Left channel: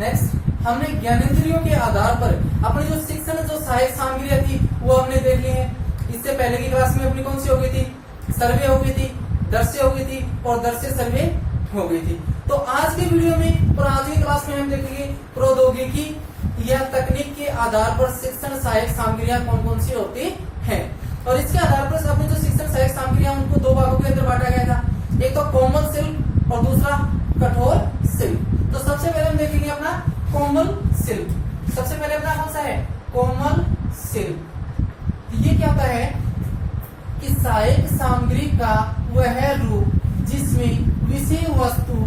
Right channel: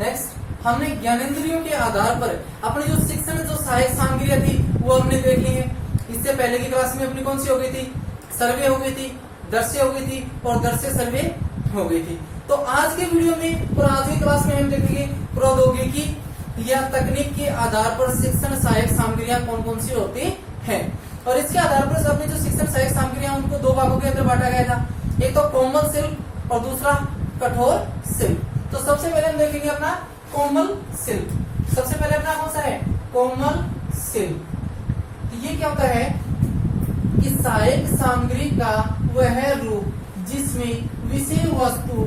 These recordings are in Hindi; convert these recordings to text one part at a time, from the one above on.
नेक्स्ट हमने ज्ञानेंद्रियों के आधार पर अपनी जो शिक्षण जो सहायक सामग्रियां थी वो हमने देख ली है। इससे पहले की क्लास में अपनी कौन सी हो गई थी, सर्वे हो गई थी, दृश्य हो गई थी और दृश्य सर्वे हो गई थी। तो आज के वीडियो में और आज की क्लास में हम देखेंगे प्रौद्योगिकी या तकनीक के आधार पर शिक्षण सहायक सामग्रियां कौन कौन सी होती हैं। और इसके आधार पर अपने जो शिक्षण सहायक सामग्रियां उनको दो भागों के अंदर बांटा गया था, एक तो कोमल शिल्प और दूसरा कठोर शिल्प। तो सबसे पहले हम देखेंगे अपना कोमल शिल्प। सबसे पहले अपना कौन सा है, कोमल शिल्प। तो ये क्या होता है कि सहायक सामग्री का वह रूप जिसमें विषय वस्तु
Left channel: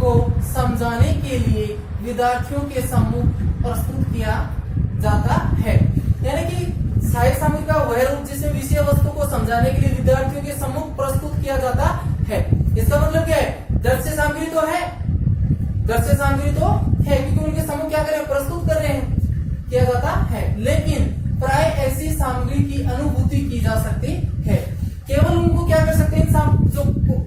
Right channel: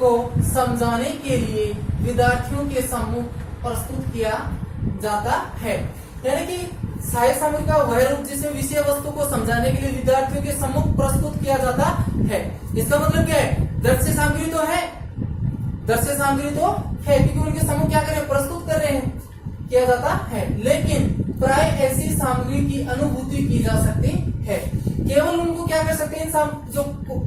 को समझाने के लिए विद्यार्थियों के सम्मुख प्रस्तुत किया जाता है। यानी कि सहायक सामग्री का वह रूप जिसमें विषय वस्तु को समझाने के लिए विद्यार्थियों के सम्मुख प्रस्तुत किया जाता है। इसका मतलब क्या है, दृश्य सामग्री तो है, दृश्य सामग्री तो है क्योंकि उनके सम्मुख क्या करें, प्रस्तुत कर रहे हैं, किया जाता है। लेकिन प्राय ऐसी सामग्री की अनुभूति की जा सकती है। केवल उनको क्या कर सकते हैं, जो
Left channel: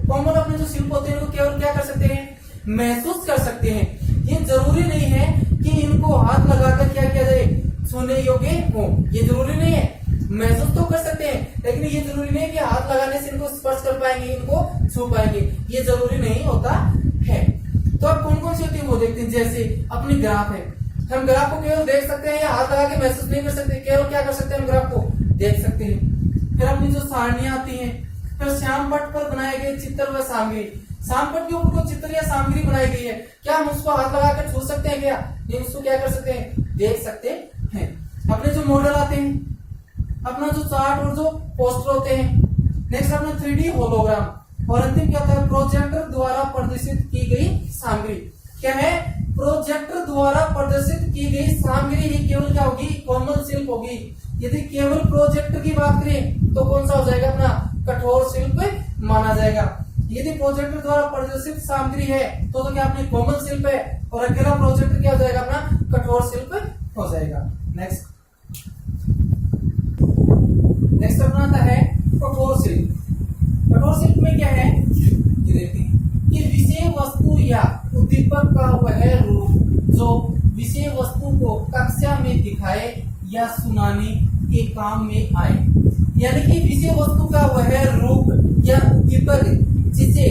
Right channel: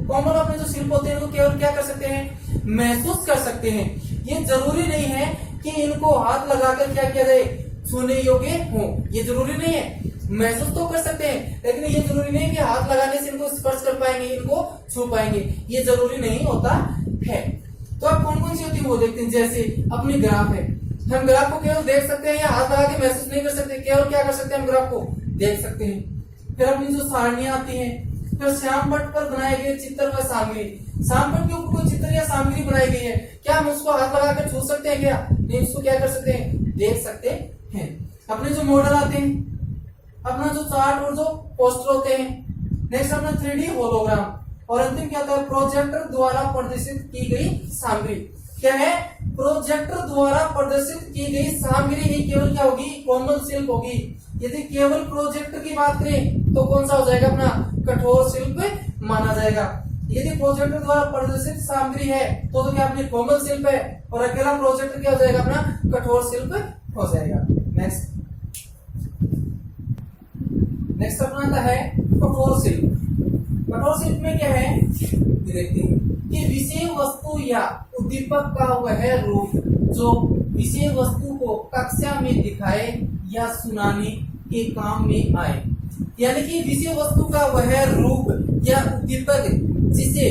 कॉमन अपने जो शिल्प होते हैं उनको केवल क्या कर सकते हैं, महसूस कर सकते हैं। ये जरूरी नहीं है कि इनको हाथ लगाकर क्या किया जाए, छूने योग्य हो, ये जरूरी नहीं है। महसूस तो कर सकते हैं लेकिन ये जरूरी नहीं है कि हाथ लगाने से इनको स्पर्श कर पाएंगे, इनको छू पाएंगे, ये जरूरी नहीं होता है। तो अब कौन कौन सी होती है वो देखते हैं। जैसे अपनी ग्राफ है, हम ग्राफ को केवल देख सकते हैं या हाथ लगा के महसूस नहीं कर सकते, केवल क्या कर सकते हैं, हम ग्राफ को देख सकते हैं। फिर अपनी जो सारणियां आती हैं, फिर श्याम पट्ट पर बनाए गए चित्र व सामग्री। श्याम पट्ट के ऊपर कोई चित्र या सामग्री बनाई गई है, क्या हम उसको हाथ लगा कर छू सकते हैं, क्या नहीं, उसको क्या कर सकते हैं, देख सकते हैं। अपने जो मॉडल आते हैं, अपना जो चार्ट और जो पोस्टर होते हैं। नेक्स्ट अपना 3D होलोग्राम। और अंतिम क्या होता है, प्रोजेक्टर द्वारा प्रदर्शित की गई सामग्री। क्या है, प्रोजेक्टर द्वारा प्रदर्शित की गई सामग्री ही केवल क्या होगी, कोमल शिल्प होगी। यदि केवल प्रोजेक्टर की बात करें तो कौन सा हो जाएगा, अपना कठोर शिल्प माना जाएगा। यदि प्रोजेक्टर द्वारा प्रदर्शित सामग्री है तो क्या अपनी कोमल शिल्प है, और अकेला प्रोजेक्टर क्या हो जाएगा, अपना कठोर शिल्प हो जाएगा। नेक्स्ट अपना आता है कठोर शिल्प। कठोर शिल्प में क्या है, देखते हैं कि विषय वस्तु या उद्दीपक का वह रूप जो विषय वस्तु को कक्षा में दिखाए या सुनाने के काम में आए। यानी कि विषय वस्तु का वह रूप या उद्दीपक जिसे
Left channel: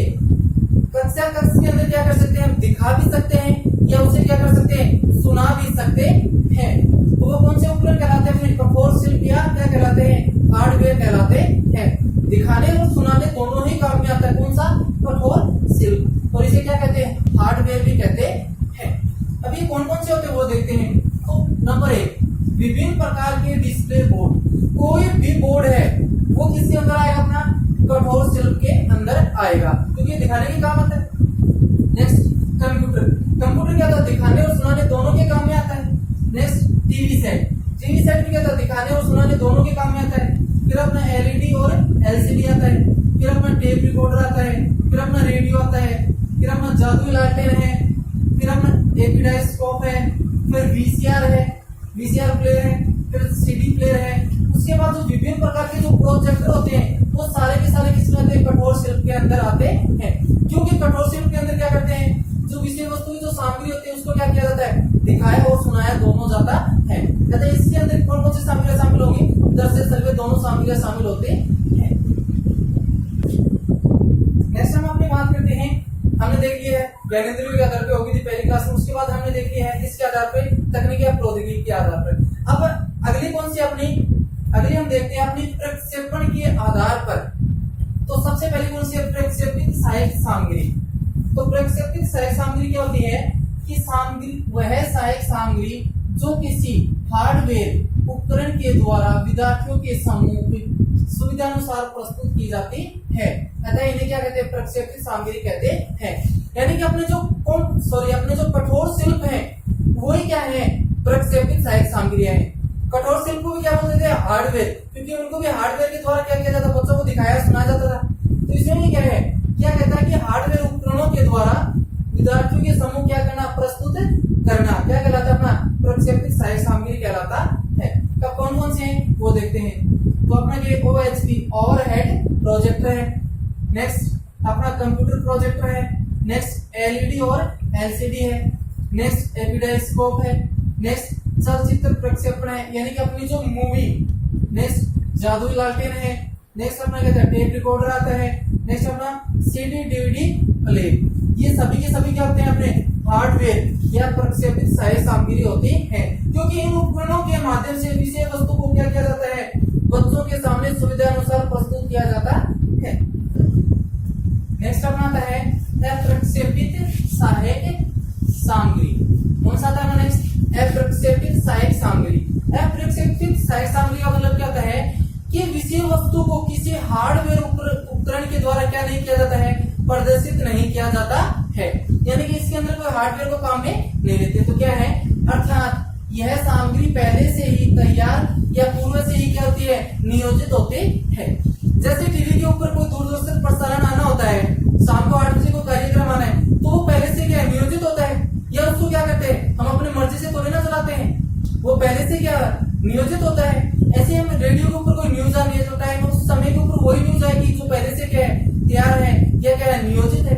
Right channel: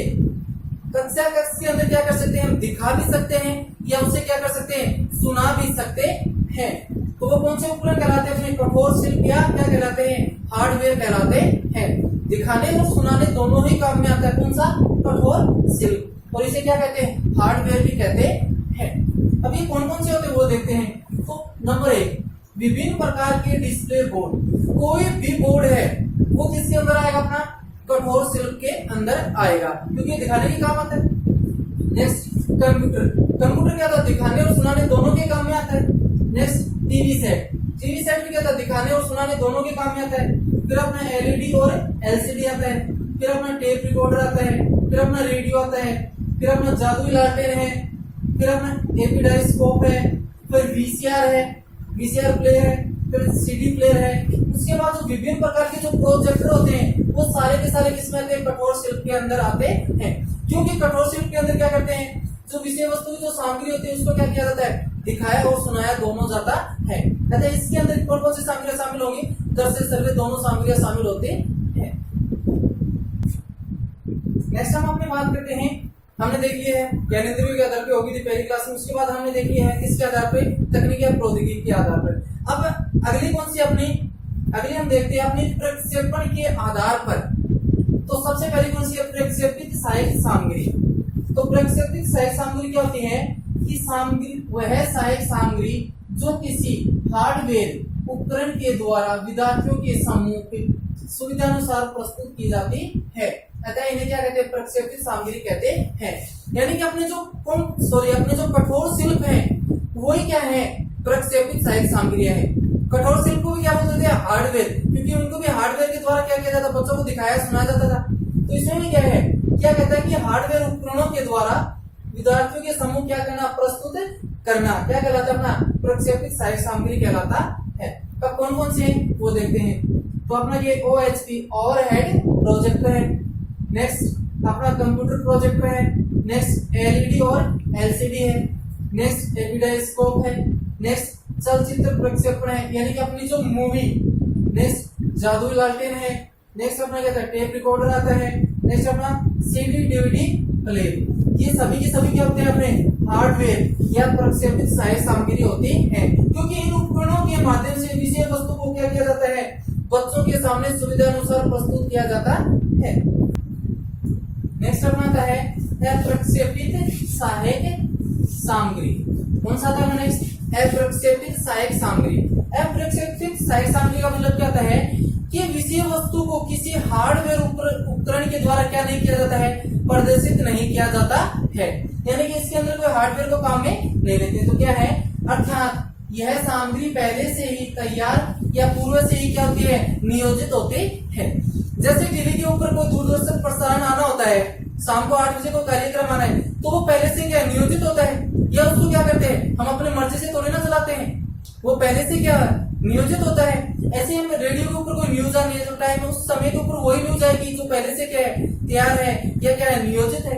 कक्षा के अंदर क्या कर सकते हैं, हम दिखा भी सकते हैं या उसे क्या कर सकते हैं, सुना भी सकते हैं। तो वो कौन से उपकरण कहलाते हैं, कठोर शिल्प या क्या कहलाते हैं, हार्डवेयर कहलाते हैं। दिखाने और सुनाने दोनों ही काम में आता है कौन सा, कठोर शिल्प। और इसे क्या कहते हैं, हार्डवेयर भी कहते हैं। अब ये कौन कौन से होते हैं वो देखते हैं। तो नंबर 1, विभिन्न प्रकार के डिस्प्ले बोर्ड। कोई भी बोर्ड है वो किसके अंदर आएगा, अपना कठोर शिल्प के अंदर आएगा क्योंकि दिखाने के काम आता है। Next computer. कंप्यूटर क्या था, दिखाने और सुनाने दोनों के काम में आता है। Next TV set. TV set भी क्या था, दिखाने और सुनाने दोनों के काम में आता है। फिर अपना एलईडी और एलसीडी आता है। फिर अपना टेप रिकॉर्डर आता है। फिर अपना रेडियो आता है। फिर अपना जादुई लालटेन है। फिर अपना एपिडाइस्कोप है। फिर वीसीआर है, वीसीआर प्लेयर है। फिर सीडी प्लेयर है। उसके बाद जो विभिन्न प्रकार के जो प्रोजेक्टर होते हैं वो सारे के सारे किसमें आते हैं, कठोर शिल्प के अंदर आते हैं। क्योंकि कठोर शिल्प के अंदर क्या करते हैं, जो विषय वस्तु की जो सामग्री होती है उसको क्या किया जाता है, दिखाया और सुनाया दोनों जाता है। कहते हैं इसके अंदर कौन कौन सी सामग्रियां शामिल होंगी, दृश्य सर्वे दोनों सामग्रियां शामिल होती हैं। नेक्स्ट हम अपनी बात करते हैं, हमने देख लिया है ज्ञानेंद्रियों के आधार पे होगी थी पहली क्लास में। उसके बाद हमने देख लिया है किसके आधार पे, तकनीक या प्रौद्योगिकी के आधार पर। अब अगली कौन सी अपनी, अगली हम देखते हैं अपनी प्रक्षेपण के आधार पर। तो सबसे पहले कौन सी, प्रक्षेपित सहायक सामग्री। तो प्रक्षेपित सहायक सामग्री क्या होती है कि सामग्री वह सहायक सामग्री जो किसी हार्डवेयर उपकरण के द्वारा विद्यार्थियों के सम्मुख सुविधानुसार प्रस्तुत की जाती है। अतः इन्हें क्या कहते हैं, प्रक्षेपित सामग्री कहते हैं। यानी कि अपने जो कठोर शिल्प है वही क्या है, प्रक्षेपित सहायक सामग्रियां हैं। कठोर शिल्प को भी क्या बोलते थे, हार्डवेयर, क्योंकि उनको भी हार्डवेयर के द्वारा क्या किया जाता, बच्चों को दिखाया सुनाया जाता था। तो इसमें क्या है, क्या कहता है कि हार्डवेयर उपकरणों के द्वारा विद्यार्थियों के समूह क्या करना, प्रस्तुत करना, क्या कहलाता है, अपना प्रक्षेपित सहायक सामग्री कहलाता है। कब कौन कौन से हैं वो देखते हैं। तो अपना ये OHP ओवरहेड प्रोजेक्टर है। नेक्स्ट अपना कंप्यूटर प्रोजेक्टर है। नेक्स्ट LED और LCD है। नेक्स्ट एपिडाइस्कोप है, नेक्स्ट चलचित्र प्रक्षेपण है यानी कि अपनी जो मूवी, नेक्स्ट जादुई लालटेन है, नेक्स्ट अपना क्या था टेप रिकॉर्डर आता है, नेक्स्ट अपना सीडी डीवीडी प्लेयर। ये सभी के सभी क्या होते हैं अपने हार्डवेयर या प्रक्षेपित सहायक सामग्री होती है, क्योंकि इन उपकरणों के माध्यम से विषय वस्तु को क्या किया जाता है, बच्चों के सामने सुविधा अनुसार प्रस्तुत किया जाता है। नेक्स्ट अपना आता है अप्रक्षेपित सहायक सामग्री। कौन सा था नेक्स्ट, अप्रक्षेपित सहायक सामग्री। अप्रक्षेपित सहायक सामग्री का मतलब क्या होता है कि विषय वस्तु को किसी हार्डवेयर उपकरण के द्वारा क्या नहीं किया जाता है, प्रदर्शित नहीं किया जाता है, यानी कि इसके अंदर कोई हार्डवेयर को काम में नहीं लेते। तो क्या है, अर्थात यह सामग्री पहले से ही तैयार या पूर्व से ही क्या होती है, नियोजित होती है। जैसे टीवी के ऊपर कोई दूरदर्शन प्रसारण आना होता है, शाम को 8 बजे को कार्यक्रम आना है, तो वो पहले से क्या नियोजित होता है, या उसको क्या करते हैं हम अपनी मर्जी से थोड़ी ना चलाते हैं, वो पहले से क्या नियोजित होता है। ऐसे हम रेडियो के ऊपर कोई न्यूज आनी है, जो टाइम उस समय के ऊपर वही न्यूज आएगी जो पहले से क्या है, तैयार है या क्या है, नियोजित है।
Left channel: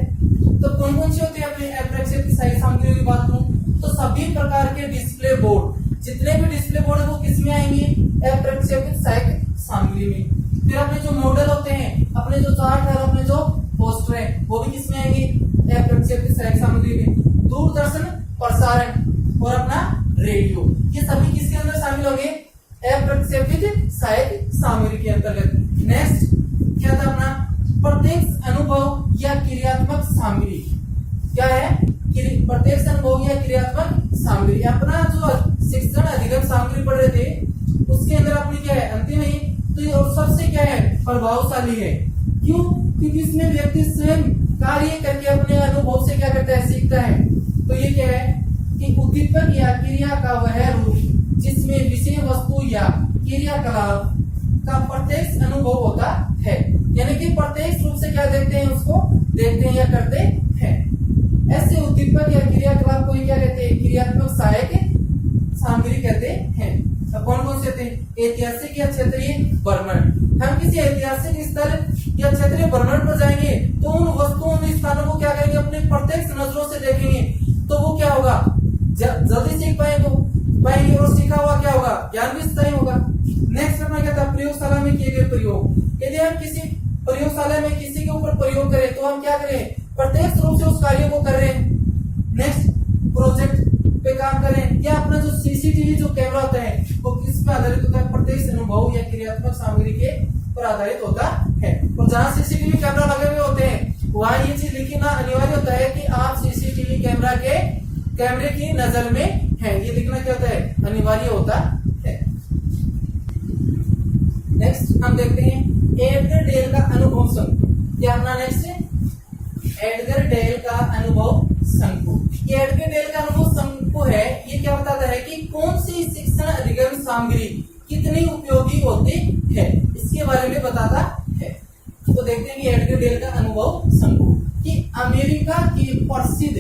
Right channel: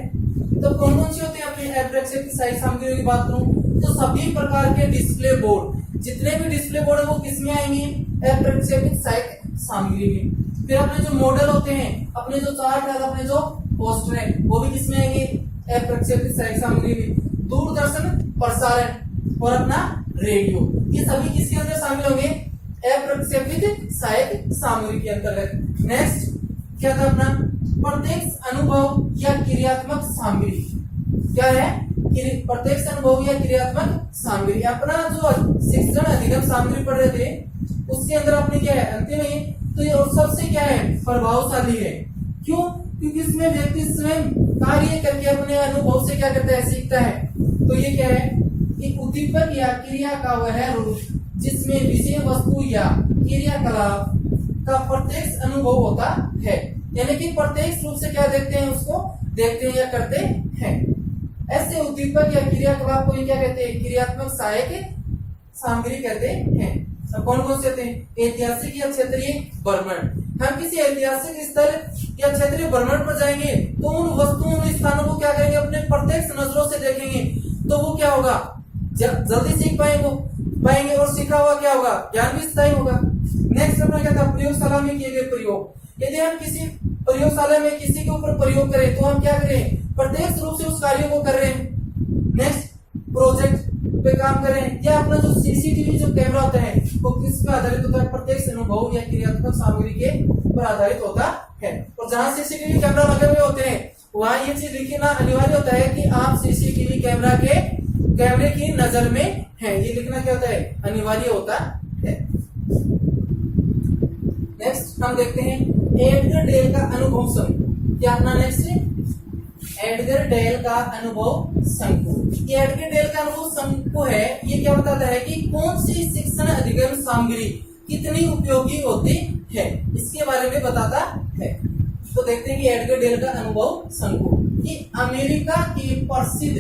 तो कौन कौन सी होती है अपनी अप्रक्षेपित सहायक सामग्री की बात करूं तो सभी प्रकार के डिस्प्ले बोर्ड, जितने भी डिस्प्ले बोर्ड है वो किसमें आएंगे, अप्रक्षेपित सहायक सामग्री में। फिर अपने जो मॉडल होते हैं, अपने जो चार्ट है, अपने जो पोस्टर है, वो भी किसमें आएंगे, अप्रक्षेपित सहायक सामग्री में। दूरदर्शन प्रसारण और अपना रेडियो, ये सभी किसके अंदर शामिल होंगे, अप्रक्षेपित सहायक सामग्री के अंतर्गत। नेक्स्ट क्या था अपना प्रत्यक्ष अनुभव या क्रियात्मक सामग्री। क्या है, प्रत्यक्ष अनुभव या क्रियात्मक सामग्री। अपना जो शिक्षण अधिगम सामग्री पढ़ रहे थे उसके अंदर अपनी क्या है, अंतिम है तो ये और सबसे क्या है, प्रभावशाली है। क्यों, क्योंकि इसमें व्यक्ति स्वयं कार्य करके अपने अनुभव से क्या करता है, सीखता है। तो ये क्या है कि उद्दीपक या क्रिया का वह रूप जिसमें विषय वस्तु या क्रियाकलाप का प्रत्यक्ष अनुभव होता है, यानी कि प्रत्यक्ष रूप से क्या देखते हैं, उसको देखते हैं या करते हैं। ऐसे उद्दीपक या क्रियाकलाप को क्या कहते हैं, क्रियात्मक सहायक सामग्री कहते हैं। तो कौन कौन से होते हैं, ऐतिहासिक या क्षेत्रीय भ्रमण। हम किसी ऐतिहासिक स्थल या क्षेत्रीय भ्रमण पर जाएंगे तो उन वस्तुओं उन स्थानों को क्या करेंगे, अपने प्रत्यक्ष नजरों से देखेंगे, तो वो क्या होगा, जल्दी सीख पाएंगे और सीखा हुआ क्या होगा, ज्ञान भी स्थायी होगा। नेक्स्ट अपना क्या था, प्रयोगशाला में किए गए प्रयोग। यदि हम किसी प्रयोगशाला में किसी के ऊपर प्रयोग करें तो हम क्या करें, प्रत्यक्ष रूप से उस कार्य को कर रहे हैं। नेक्स्ट प्रोजेक्ट पे काम करें, या अपना जो सीसीटीवी जो कैमरा होता है वो किस पे आधारित होता है, प्रत्यक्ष अनुभव या क्रियात्मक सामग्री के पर आधारित होता है। और जहाँ सीसीटीवी कैमरा लगे हुए होते हैं वहाँ ये चीज लिखना अनिवार्य होता है कि आप सीसीटीवी कैमरे की नजर में है, ये लिखना क्या होता है, अनिवार्य होता है। नेक्स्ट हम देखते हैं एडगर डेल का अनुभव शंकु। क्या अपना नेक्स्ट है, एडगर डेल का अनुभव शंकु। ये एडगर डेल का अनुभव शंकु है, ये क्या बताता है कि कौन सी शिक्षण अधिगम सामग्री कितनी उपयोगी होती है, इसके बारे में बताता है। तो देखते हैं कि एडगर डेल का अनुभव शंकु कि अमेरिका की प्रसिद्ध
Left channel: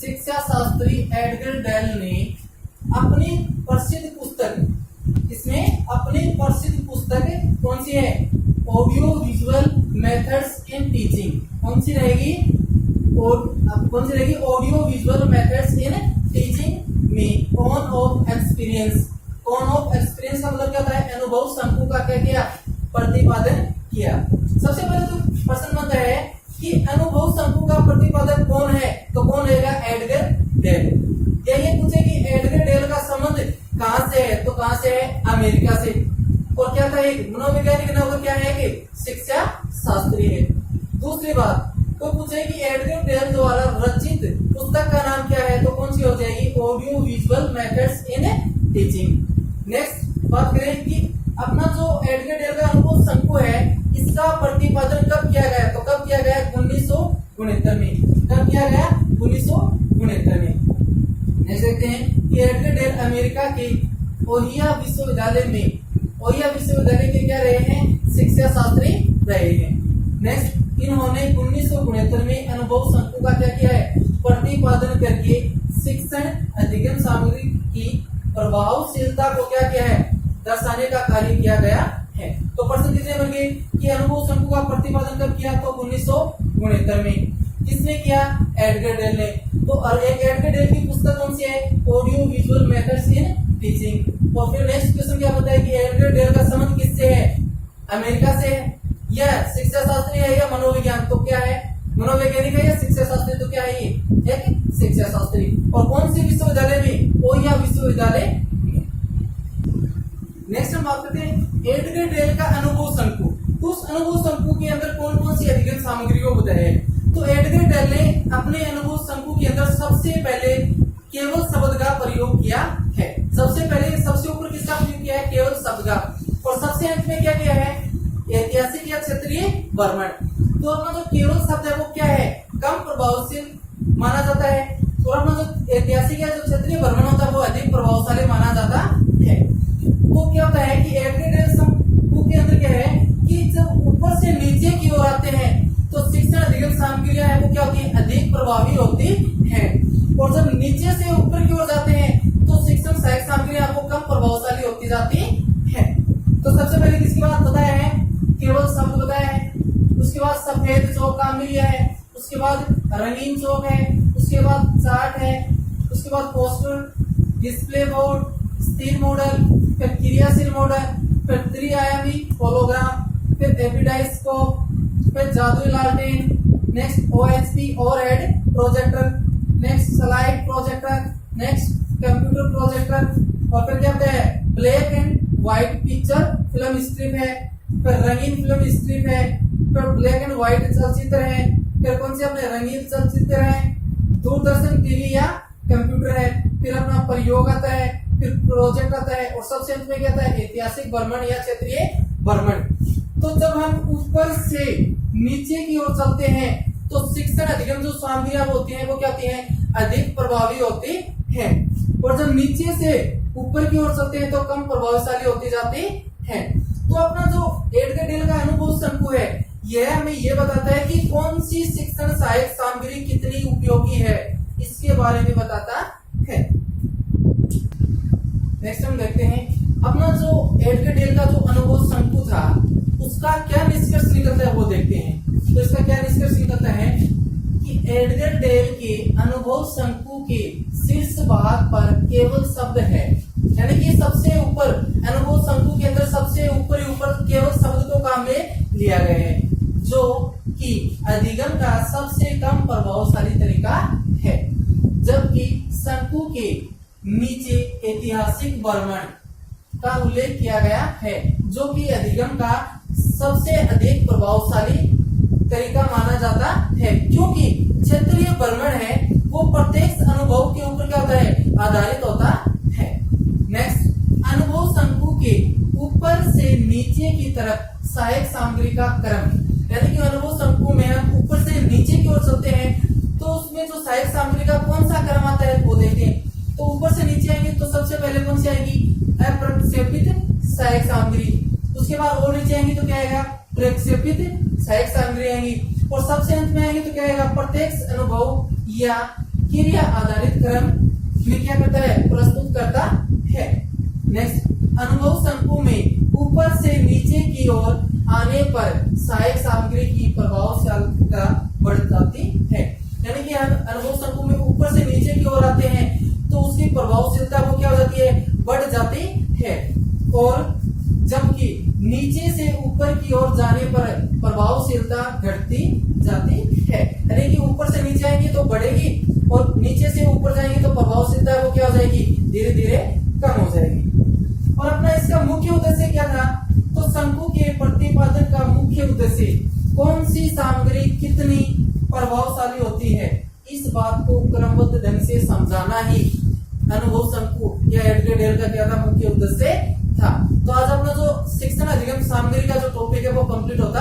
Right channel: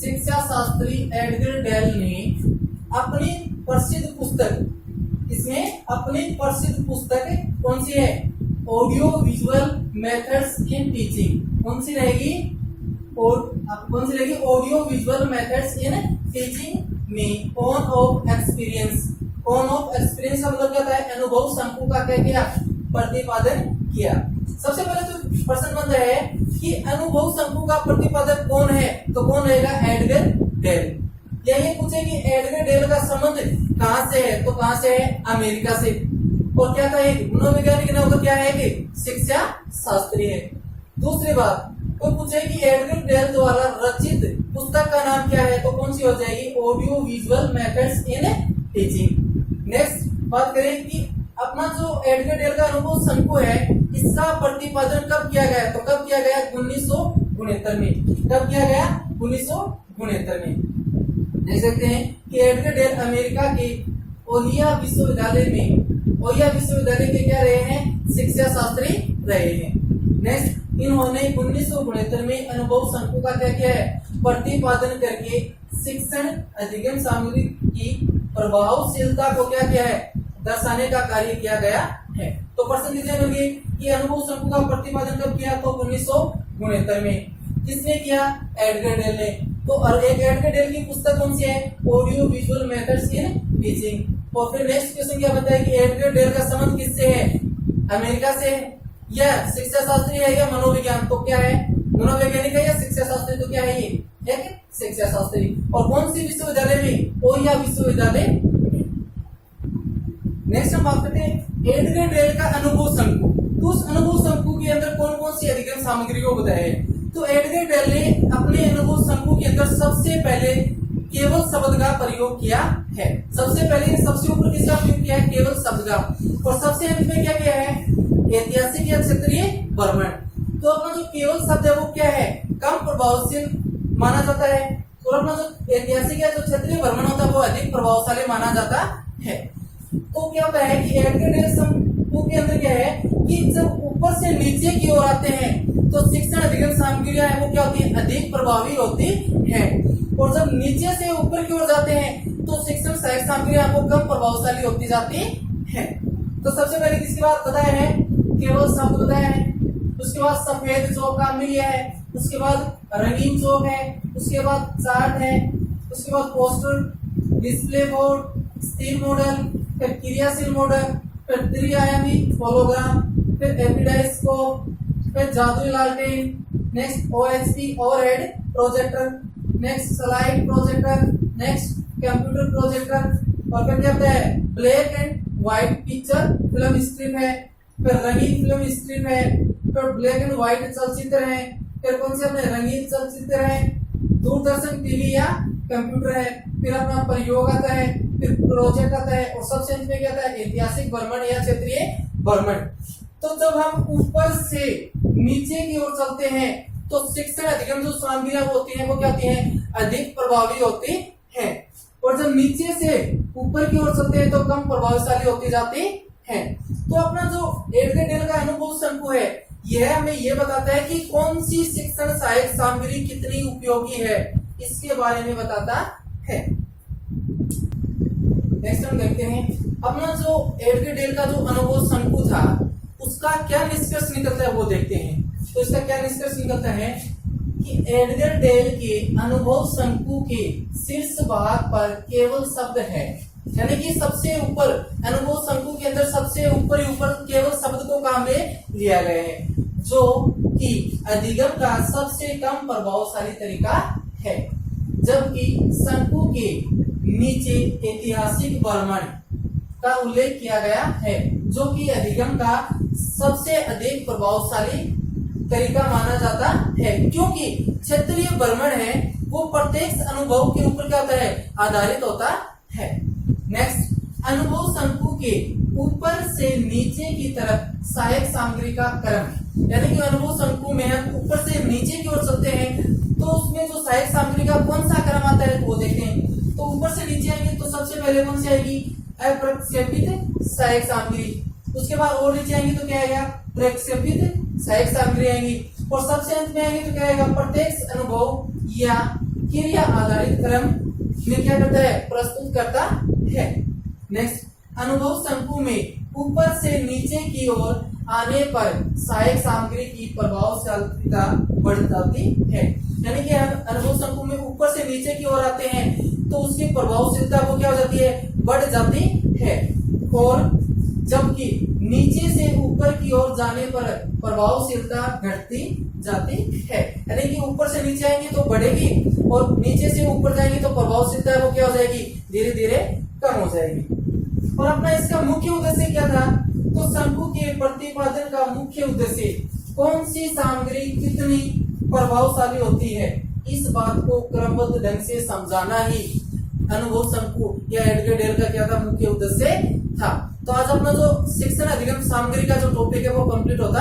शिक्षा शास्त्री एडगर डेल ने अपनी प्रसिद्ध पुस्तक, इसमें अपनी प्रसिद्ध पुस्तक कौन सी है, audio visual methods in teaching. कौन सी रहेगी, audio visual methods in teaching में on off experience. On off experience का मतलब क्या होता है, अनुभव शंकु का क्या किया, प्रतिपादन किया। सबसे पहले तो प्रश्न बनता है कि अनुभव शंकु का प्रतिपादक कौन है, तो कौन रहेगा, एडगर डेल। या ये पूछे कि एडगर डेल का संबंध कहां से है, तो कहां से है, अमेरिका से। और क्या था, मनोवैज्ञानिक ने क्या है कि शिक्षा शास्त्री है। दूसरी बात तो पूछे कि एडगर डेल द्वारा रचित पुस्तक का नाम क्या है, तो कौन सी हो जाएगी, audio visual methods in teaching. Next बात करें कि अपना जो एडगर डेल का अनुभव शंकु है इसका प्रतिपादन कब किया गया, तो कब किया गया, 1969 में। कब किया गया, 1969 में। देख सकते हैं कि एडगर डेल अमेरिका के ओहियो विश्वविद्यालय के क्या रहे हैं, शिक्षा शास्त्री रहे हैं। नेक्स्ट इन्होंने 1969 में अनुभव शंकु का क्या किया है, प्रतिपादन करके शिक्षण अधिगम सामग्री की प्रभावशीलता को क्या किया है, दर्शाने का कार्य किया गया है। तो प्रश्न कितने बने कि अनुभव शंकु का प्रतिपादन कब किया, तो 1969 में। किसने किया, एडगर डेल ने। तो और एक एडगर डेल की पुस्तक कौन सी है, audio visual methods in teaching. और फिर नेक्स्ट क्वेश्चन क्या बताया कि एडगर डेल का संबंध किससे है, अमेरिका से है, या शिक्षा शास्त्री है या मनोविज्ञान, तो क्या है मनोवैज्ञानिक है या शिक्षा शास्त्री, तो क्या है ये एक शिक्षा शास्त्री। और कौन सी विश्वविद्यालय में, ओहियो विश्वविद्यालय में। नेक्स्ट हम बात करते हैं एडगर डेल का अनुभव शंकु। तो उस अनुभव शंकु के अंदर कौन कौन सी अधिगम सामग्री को बताया है। तो एडगर डेल ने अपने अनुभव शंकु के अंदर सबसे पहले केवल शब्द का प्रयोग किया है। सबसे पहले सबसे ऊपर किसका प्रयोग किया है, केवल शब्द का। और सबसे अंत में क्या किया है, ऐतिहासिक या क्षेत्रीय वर्णन। तो अपना जो केवल शब्द है वो क्या है, कम प्रभावशील माना जाता है, और अपना जो ऐतिहासिक या जो क्षेत्रीय वर्णन होता है वो अधिक प्रभावशाली माना जाता है। तो क्या होता है कि एडगर डेल शंकु के अंदर क्या है कि जब ऊपर से नीचे की ओर आते हैं तो शिक्षण अधिगम सामग्रियां है वो क्या होती है, अधिक प्रभावी होती है। और जब नीचे से ऊपर की ओर जाते हैं तो शिक्षण सहायक सामग्रियां आपको कम प्रभावशाली होती जाती है। तो सबसे पहले किसकी बात बताया है, केवल शब्द बताया है। उसके बाद सफेद चौक का हमने लिया है, उसके बाद रंगीन चौक है, उसके बाद चार्ट है, उसके बाद पोस्टर, डिस्प्ले बोर्ड, स्थिर मॉडल, फिर क्रियाशील मॉडल, फिर त्रिआयामी होलोग्राम, फिर एपिडाइस्कोप, फिर जादुई लालटेन, next OHP overhead projector, next slide projector, next computer projector, और फिर क्या होता है black and white picture film strip है, फिर रंगीन फिल्म स्ट्रिप है, फिर ब्लैक एंड व्हाइट चलचित्र है, फिर कौन से अपने रंगीन चलचित्र है, दूरदर्शन टीवी या कंप्यूटर है, फिर अपना प्रयोग आता है, फिर प्रोजेक्ट आता है, और सबसे अंत में क्या आता है ऐतिहासिक वर्णन या क्षेत्रीय वर्णन। तो जब हम ऊपर से नीचे की ओर चलते हैं तो शिक्षण अधिगम जो सामग्रियां होती हैं वो क्या होती हैं, अधिक प्रभावी होती हैं। और जब नीचे से ऊपर की ओर चलते हैं तो कम प्रभावशाली होती जाती हैं। तो अपना जो एडगर डेल का अनुभव शंकु है यह हमें ये बताता है कि कौन सी शिक्षण सहायक सामग्री कितनी उपयोगी है, इसके बारे में बताता है। नेक्स्ट हम देखते हैं अपना जो एडगर डेल का जो अनुभव शंकु था उसका क्या निष्कर्ष निकलता है वो देखते हैं। तो इसका क्या निष्कर्ष निकलता है कि एडगर डेल के अनुभव शंकु के शीर्ष भाग पर केवल शब्द है, यानी कि सबसे ऊपर अनुभव शंकु के अंदर सबसे ऊपर ही ऊपर केवल शब्द को काम में लिया गया है, जो कि अधिगम का सबसे कम प्रभावशाली तरीका है। जबकि शंकु के नीचे ऐतिहासिक वर्णन का उल्लेख किया गया है, जो कि अधिगम का सबसे अधिक प्रभावशाली तरीका माना जाता है, क्योंकि क्षेत्रीय वर्णन है वो प्रत्यक्ष अनुभव के ऊपर क्या होता है, आधारित होता है। नेक्स्ट, अनुभव शंकु के ऊपर से नीचे की तरफ सहायक सामग्री का क्रम, यानी कि अनुभव शंकु में हम ऊपर से नीचे की ओर चलते हैं तो उसमें जो सहायक सामग्री का कौन सा क्रम आता है वो देखते हैं। तो ऊपर से नीचे आएंगे तो सबसे पहले कौन सी आएगी, अप्रक्षेपित सहायक सामग्री, उसके बाद और नीचे आएंगे तो क्या आएगा, प्रक्षेपित सहायक सामग्री आएंगी, और सबसे अंत में आएंगे तो क्या आएगा, प्रत्यक्ष अनुभव या क्रिया आधारित क्रम में क्या करता है, प्रस्तुत करता है। नेक्स्ट, अनुभव शंकु में ऊपर से नीचे की ओर आने पर सहायक सामग्री की प्रभावशीलता बढ़ जाती है, यानी कि अनुभव शंकु में ऊपर से नीचे की ओर आते हैं तो उसकी प्रभावशीलता वो क्या हो जाती है, बढ़ जाती है। और जबकि नीचे से ऊपर की ओर जाने पर प्रभावशीलता घटती जाती है, यानी कि ऊपर से नीचे आएंगे तो बढ़ेगी और नीचे से ऊपर जाएंगे तो प्रभावशीलता वो क्या हो जाएगी, धीरे धीरे कम हो जाएगी। और अपना इसका मुख्य उद्देश्य क्या था, तो शंकु के प्रतिपादन का मुख्य उद्देश्य कौन सी सामग्री कितनी प्रभावशाली होती है, इस बात को क्रमबद्ध ढंग से समझाना ही अनुभव शंकु या एडगर डेल का क्या था, मुख्य उद्देश्य था। तो आज अपना जो शिक्षण अधिगम सामग्री का जो टॉपिक है वो कंप्लीट होता